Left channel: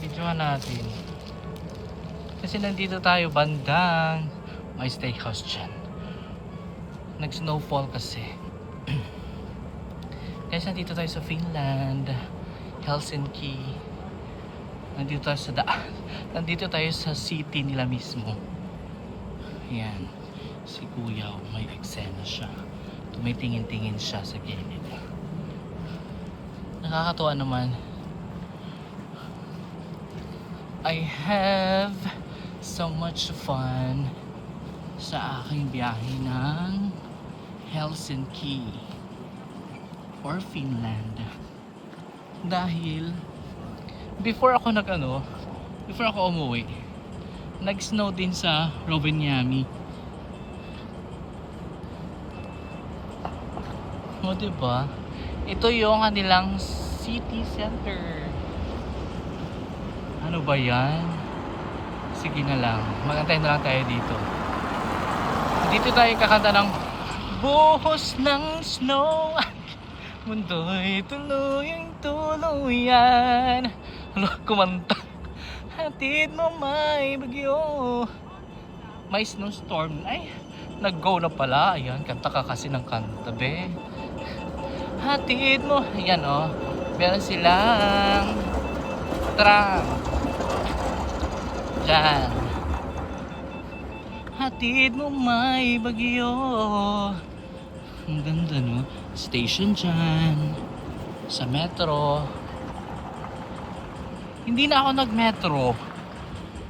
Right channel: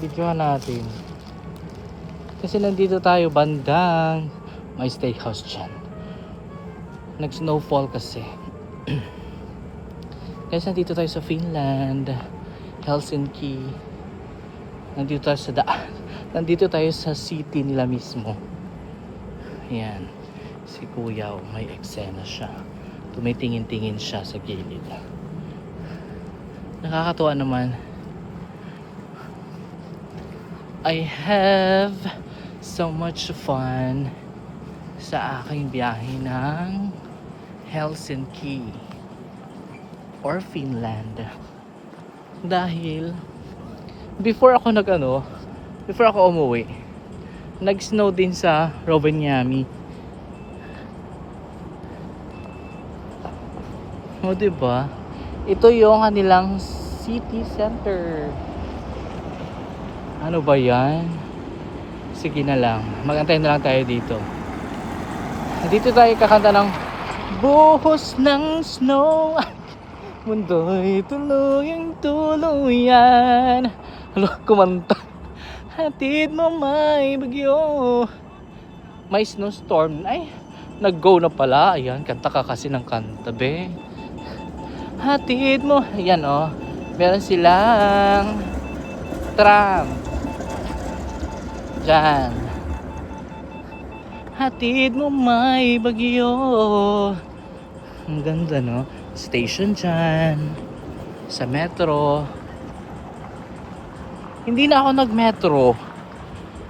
Videohan natin. Kasi nandito tayo bandang may steakhouse dyan. Nag-snowfall kasi. Guys, nandito tayo sa Finland, Helsinki. Nandito tayo sa city nila mismo. Yan. Si Kuya, may eksena siya. Tumitingin-tingin siya sa gilid. Nakakatuwa naman. I have so much fun sa aking biyahe ng Helsinki or Finland. Dahil before ako umuwi, nag-snow din sa Rovaniemi. O diba? Ito yung kanilang city center. Ano ba yan? Sige na lang. Mag-antay na lang tayo dito. Dito tayo kakanta ng buhos ng snow. Mundo'y tuluyang tuluyan. Hala, kumanta. Hatid mo may bagyo. May snowstorm. Ay, nag-go na pala. Ayan, kanta ka kasi ng kanta, be. Hatid mo. Ayan, oh. Meron silang tram. Diyan. Hatid mo may bagyo. Ang ganda, no? Station dyan. Sa metro. Hindi na ako nag-metro.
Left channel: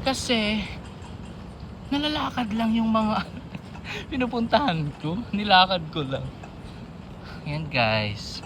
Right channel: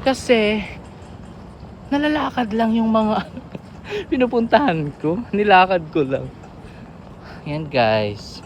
Kasi nalalakad lang yung mga pinupuntahan ko. Nilakad ko lang. Yan guys.